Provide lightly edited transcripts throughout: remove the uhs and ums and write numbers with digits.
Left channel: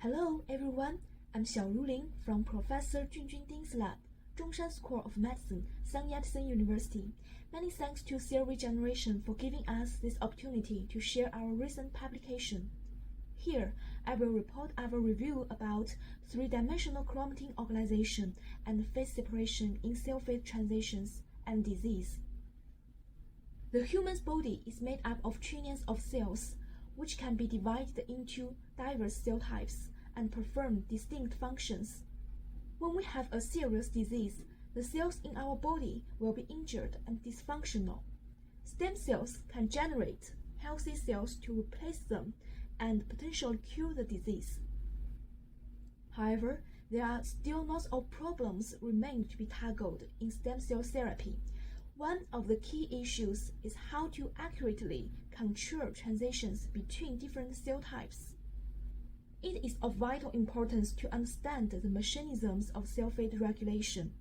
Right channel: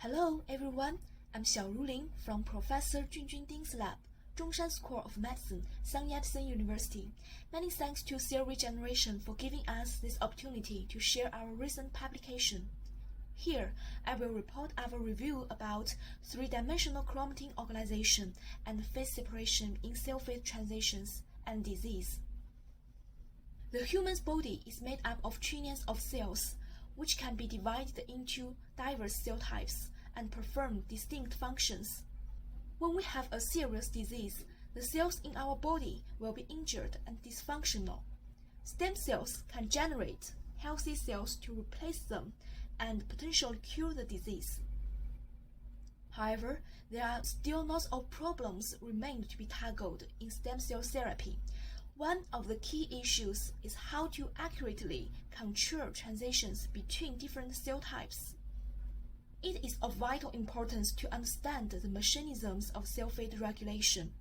Hello everyone, I'm Xiaoru Lin from Professor Junjun Ding's lab, Zhongshan School of Medicine, Sun Yat-sen University. Many thanks to Cell Regeneration for giving us this opportunity to share our recent publication. Here, I will report our review about three-dimensional chromatin organization and phase separation in cell phase transitions and disease. The human's body is made up of trillions of cells, which can be divided into diverse cell types and perform distinct functions. When we have a serious disease, the cells in our body will be injured and dysfunctional. Stem cells can generate healthy cells to replace them and potentially cure the disease. However, there are still lots of problems remain to be tackled in stem cell therapy. One of the key issues is how to accurately control transitions between different cell types. It is of vital importance to understand the mechanisms of cell fate regulation.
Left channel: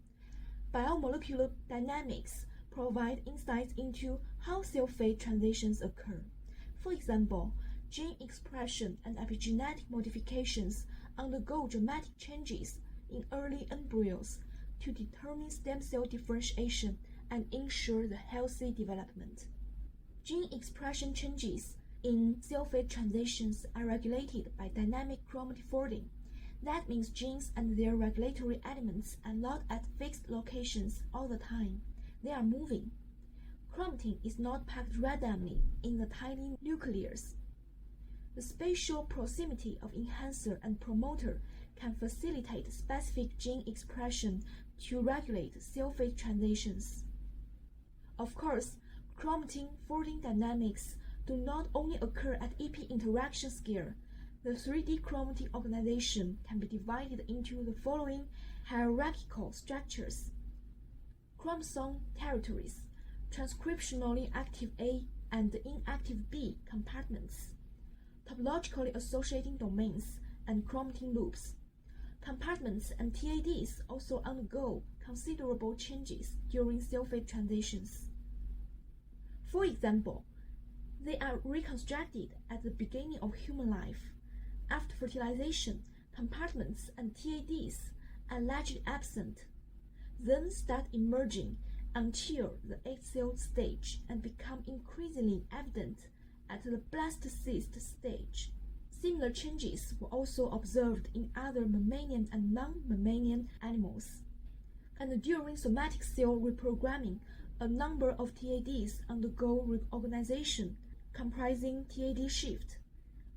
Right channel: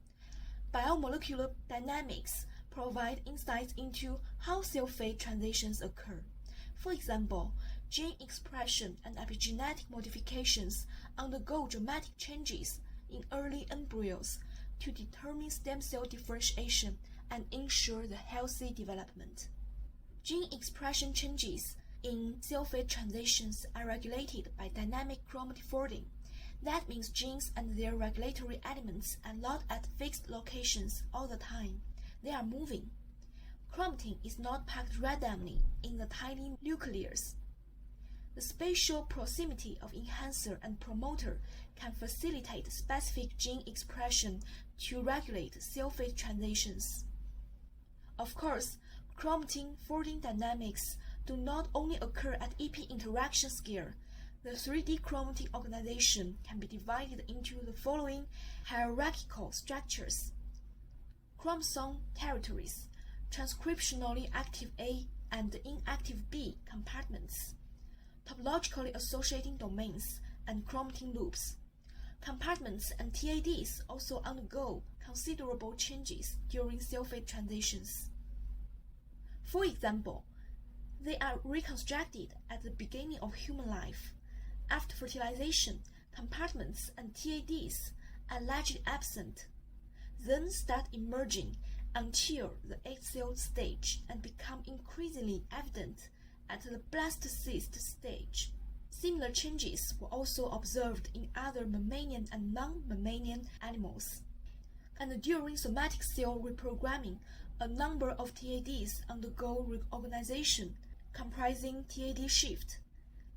Biomolecular dynamics provide insights into how cell fate transitions occur. For example, gene expression and epigenetic modifications undergo dramatic changes in early embryos to determine stem cell differentiation and ensure the healthy development. Gene expression changes in cell fate transitions are regulated by dynamic chromatin folding. That means genes and their regulatory elements are not at fixed locations all the time. They are moving. Chromatin is not packed randomly in the tiny nucleus. The spatial proximity of enhancer and promoter can facilitate specific gene expression to regulate cell fate transitions. Of course, chromatin folding dynamics do not only occur at EP interaction scale. The 3D chromatin organization can be divided into the following hierarchical structures: chromosome territories, transcriptionally active A and inactive B compartments, topologically associating domains, and chromatin loops. Compartments and TADs also undergo considerable changes during cell fate transitions. For example, they are reconstructed at the beginning of human life. After fertilization, compartments and TADs are largely absent, then start emerging until the egg cell stage and become increasingly evident at the blastocyst stage. Similar changes were also observed in other mammalian and non-mammalian animals. And during somatic cell reprogramming, a number of TADs undergo reorganization, comprising TAD shift,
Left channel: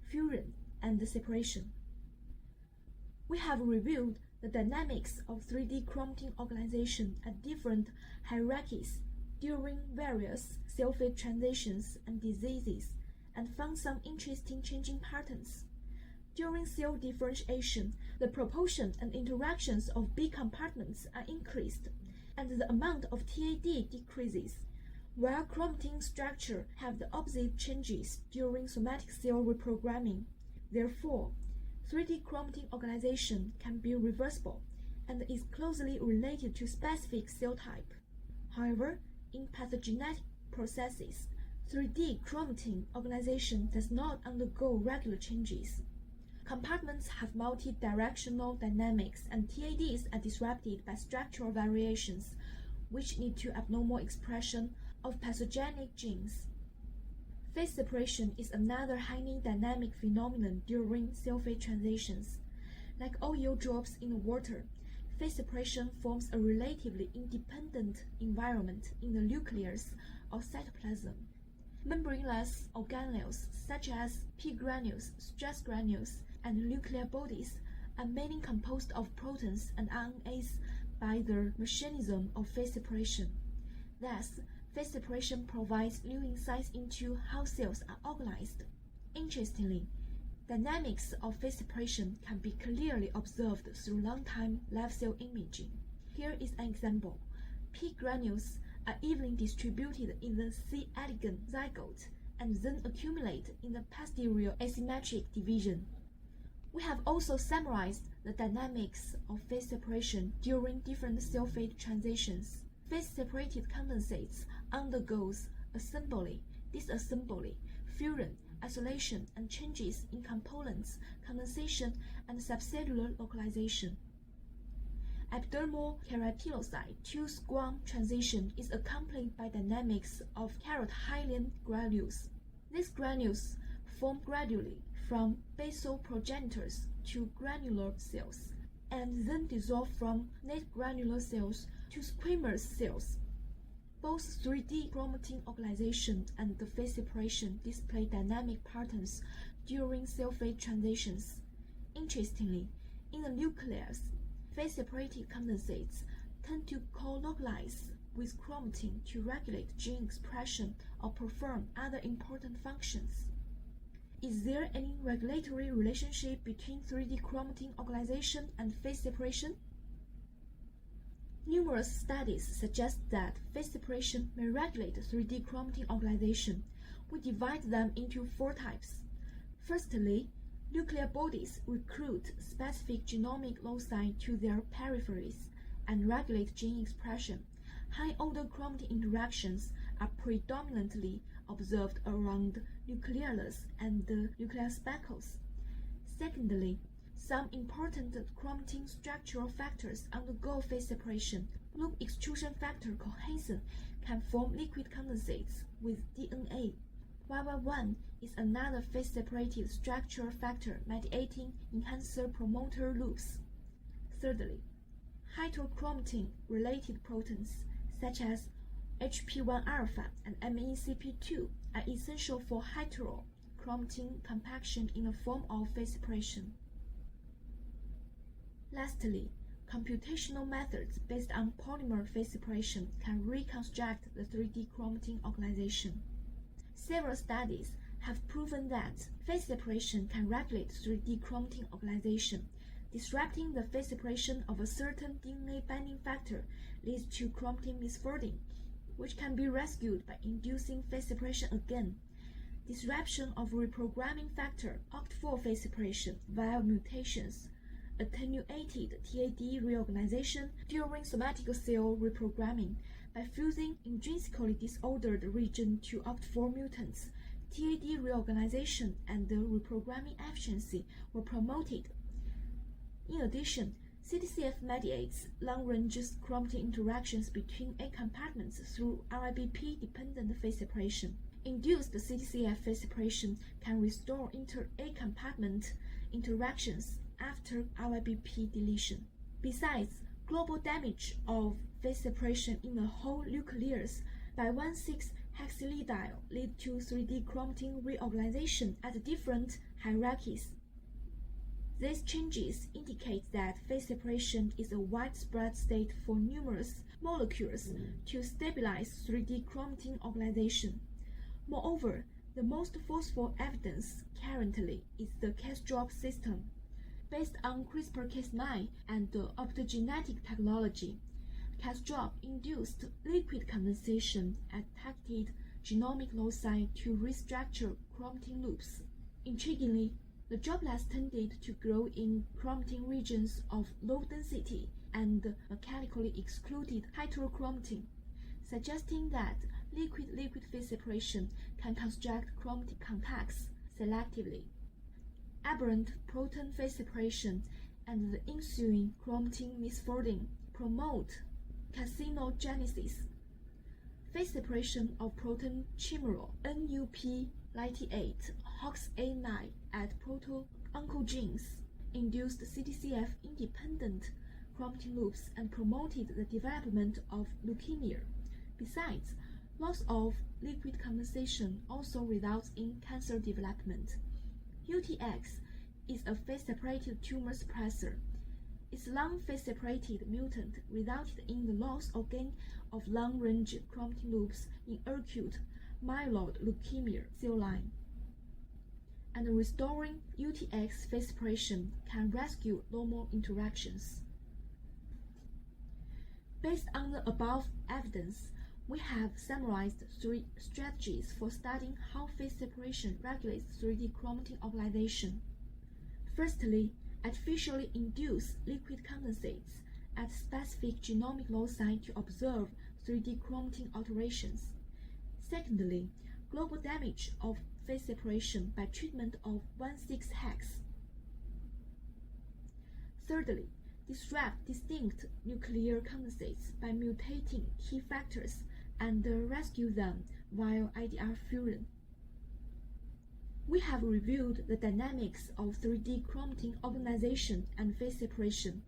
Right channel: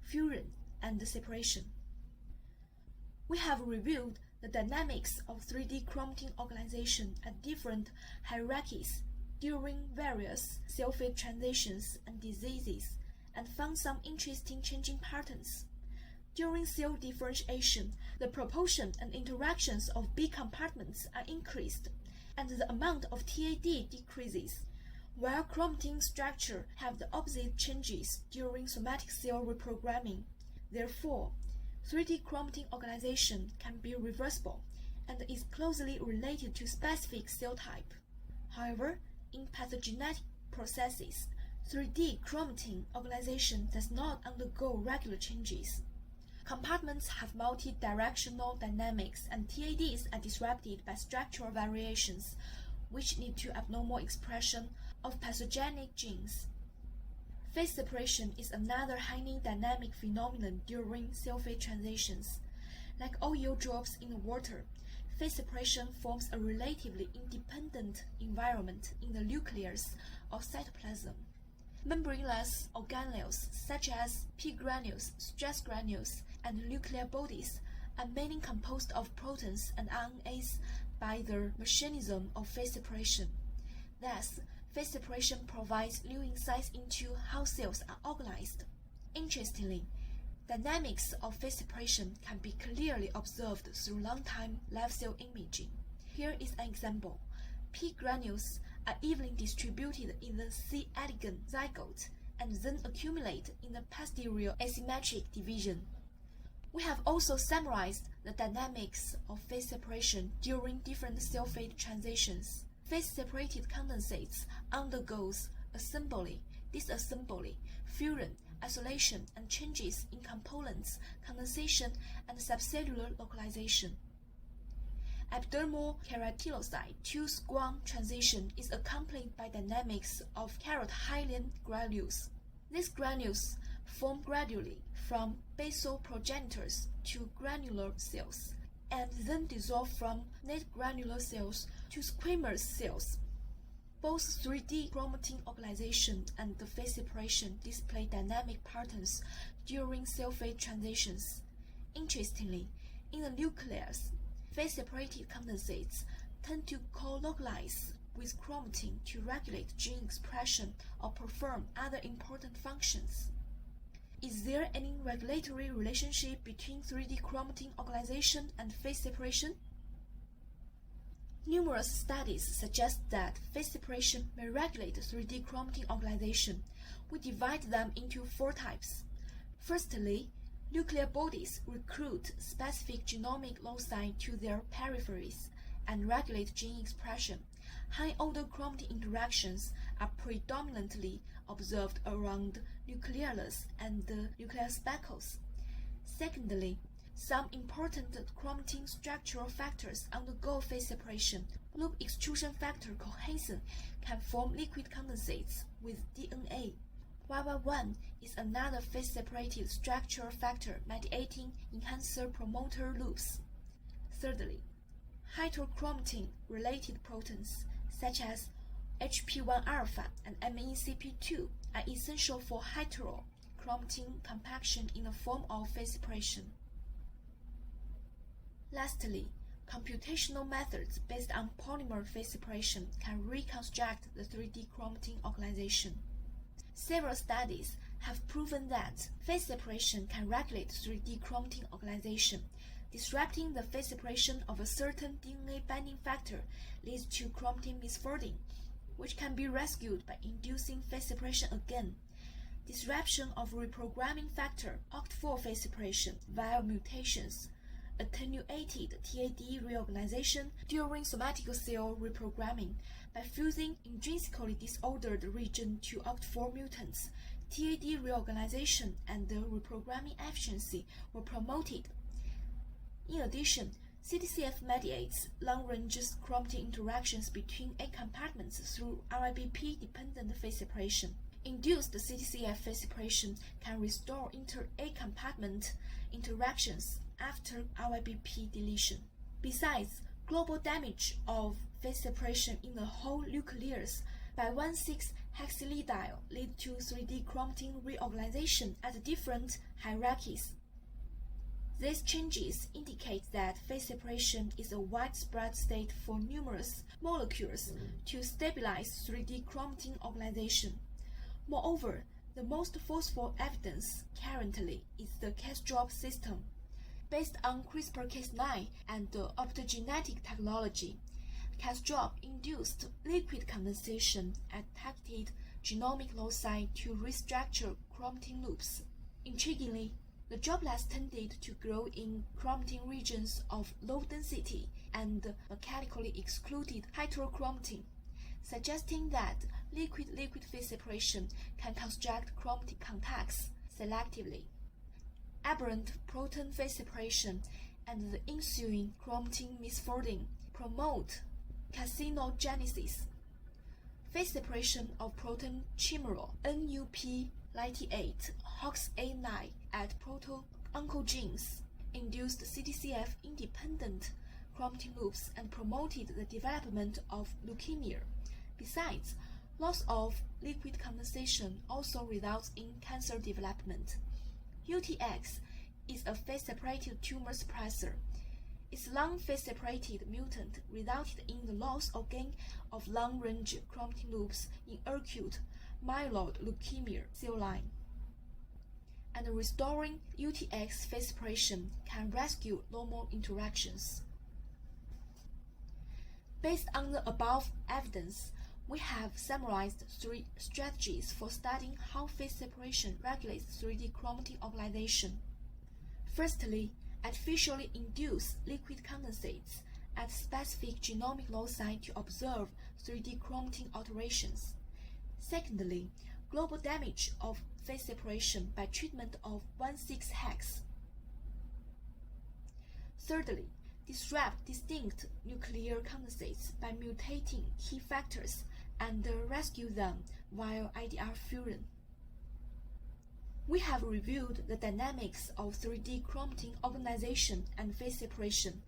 fusion, and separation. We have reviewed the dynamics of 3D chromatin organization at different hierarchies during various cell fate transitions and diseases, and found some interesting changing patterns. During cell differentiation, the proportion and interactions of B compartments are increased, and the amount of TAD decreases, while chromatin structure have the opposite changes during somatic cell reprogramming. Therefore, 3D chromatin organization can be reversible and is closely related to specific cell type. However, in pathogenetic processes, 3D chromatin organization does not undergo regular changes. Compartments have multi-directional dynamics, and TADs are disrupted by structural variations, which lead to abnormal expression of pathogenic genes. Phase separation is another highly dynamic phenomenon during cell fate transitions. Like oil drops in the water, phase separation forms a relatively independent environment in the nucleus or cytoplasm. Membraneless organelles such as P granules, stress granules, and nuclear bodies are mainly composed of proteins and RNAs by the mechanism of phase separation. Thus, phase separation provides new insights into how cells are organized. Interestingly, dynamics of phase separation can be clearly observed through long-time live cell imaging. Here is an example. P granules are evenly distributed in the C. elegans zygote and then accumulate in the posterior asymmetric division. We have also summarized the dynamics of phase separation during different cell fate transitions. Phase-separated condensates undergoes assembly, disassembly, fusion, isolation, and changes in components, condensation, and subcellular localization. Epidermal keratinocyte to squam transition is accompanied by dynamics of keratinohyalin granules. These granules form gradually from basal progenitors to granular cells, and then dissolve from net granular cells to squamous cells. Both 3D chromatin organization and the phase separation display dynamic patterns during cell phase transitions. Interestingly, in the nucleus, phase-separated condensates tend to co-localize with chromatin to regulate gene expression or perform other important functions. Is there any regulatory relationship between 3D chromatin organization and phase separation? Numerous studies suggest that phase separation may regulate 3D chromatin organization. We divide them into 4 types. Firstly, nuclear bodies recruit specific genomic loci to their peripheries and regulate gene expression. High-order chromatin interactions are predominantly observed around nucleolus and the nuclear speckles. Secondly, some important chromatin structural factors undergo phase separation. Loop extrusion factor cohesin can form liquid condensates with DNA. YY1 is another phase-separated structural factor mediating enhancer-promoter loops. Thirdly, heterochromatin-related proteins such as HP1-alpha and MECP2 are essential for heterochromatin compaction in the form of phase separation. Lastly, computational methods based on polymer phase separation can reconstruct the 3D chromatin organization. Several studies have proven that phase separation can regulate 3D chromatin organization. Disrupting the phase separation of a certain DNA binding factor leads to chromatin misfolding, which can be rescued by inducing phase separation again. Disruption of reprogramming factor OCT4 phase separation via mutations attenuated TAD reorganization during somatic cell reprogramming. By fusing intrinsically disordered region to OCT4 mutants, TAD reorganization and the reprogramming efficiency were promoted. In addition, CTCF mediates long-range chromatin interactions between A compartments through RIBP-dependent phase separation. Induced CTCF phase separation can restore inter-A compartment interactions after RIBP deletion. Besides, global damage of phase separation in the whole nucleus by 1,6-hexylidyl lead to 3D chromatin reorganization at different hierarchies. These changes indicate that phase separation is a widespread state for numerous molecules to stabilize 3D chromatin organization. Moreover, the most forceful evidence currently is the Cas-drop system. Based on CRISPR-Cas9 and the optogenetic technology, Cas-drop induced liquid condensation at targeted genomic loci to restructure chromatin loops. Intriguingly, the droplets tended to grow in chromatin regions of low density and mechanically excluded heterochromatin, suggesting that liquid-liquid phase separation can construct chromatin contacts selectively. Aberrant protein phase separation and the ensuing chromatin misfolding promote carcinogenesis. Phase separation of protein chimeral NUP98 HOXA9 at proto-oncogenes induced CTCF-independent chromatin loops and promoted the development of leukemia. Besides, loss of liquid condensation also results in cancer development. UTX is a phase-separated tumor suppressor. Its long phase-separated mutant resulted in the loss or gain of long-range chromatin loops in acute myeloid leukemia cell line. And restoring UTX phase separation can rescue normal interactions. Based on the above evidence, we have summarized 3 strategies for studying how phase separation regulates 3D chromatin organization. Firstly, artificially induce liquid condensates at specific genomic loci to observe 3D chromatin alterations. Secondly, global damage of phase separation by treatment of 1,6-hex. Thirdly, disrupt distinct nuclear condensates by mutating key factors and rescue them via IDR fusion. We have reviewed the dynamics of 3D chromatin organization and phase separation,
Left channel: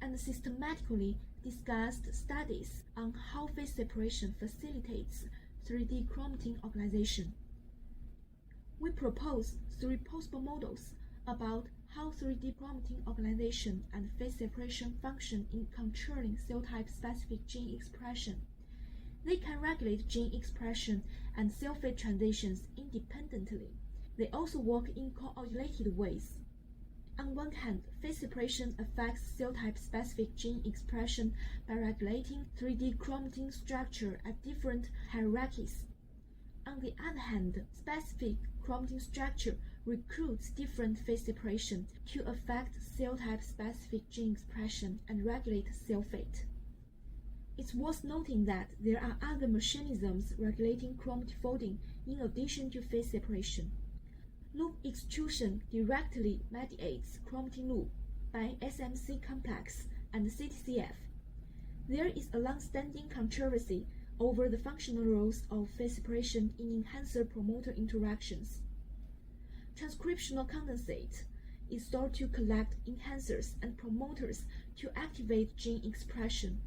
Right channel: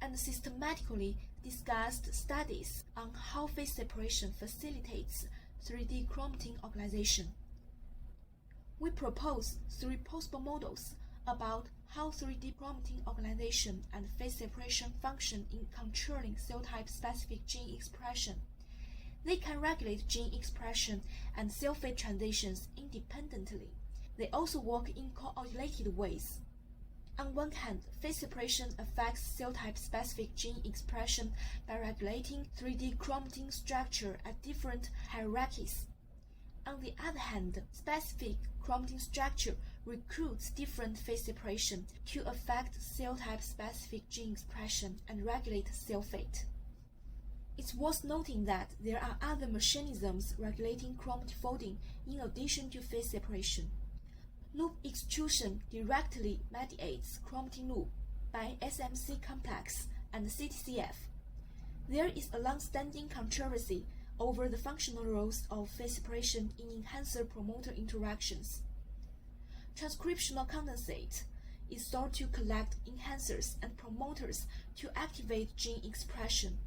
and systematically discussed studies on how phase separation facilitates 3D chromatin organization. We propose 3 possible models about how 3D chromatin organization and phase separation function in controlling cell type specific gene expression. They can regulate gene expression and cell fate transitions independently. They also work in coordinated ways. On one hand, phase separation affects cell type specific gene expression by regulating 3D chromatin structure at different hierarchies. On the other hand, specific chromatin structure recruits different phase separation to affect cell type specific gene expression and regulate cell fate. It's worth noting that there are other mechanisms regulating chromatin folding in addition to phase separation. Loop extrusion directly mediates chromatin loop by SMC complex and CTCF. There is a long-standing controversy over the functional roles of phase separation in enhancer-promoter interactions. Transcriptional condensate is thought to collect enhancers and promoters to activate gene expression,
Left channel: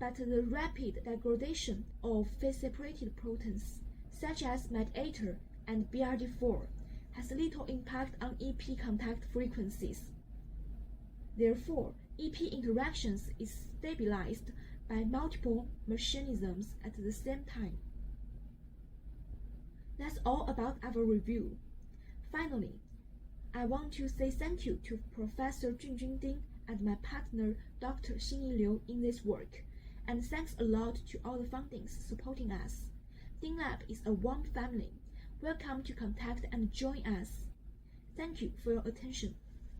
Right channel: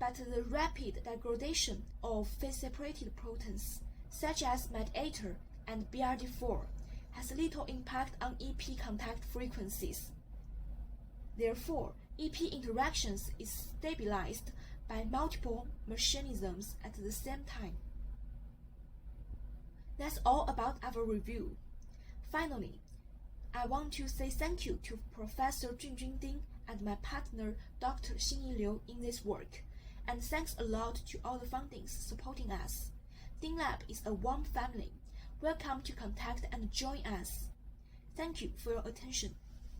but the rapid degradation of phase-separated proteins, such as mediator and BRD4, has little impact on EP contact frequencies. Therefore, EP interactions is stabilized by multiple mechanisms at the same time. That's all about our review. Finally, I want to say thank you to Professor Junjun Ding and my partner Dr. Xinyi Liu in this work, and thanks a lot to all the fundings supporting us. Ding Lab is a warm family. Welcome to contact and join us. Thank you for your attention.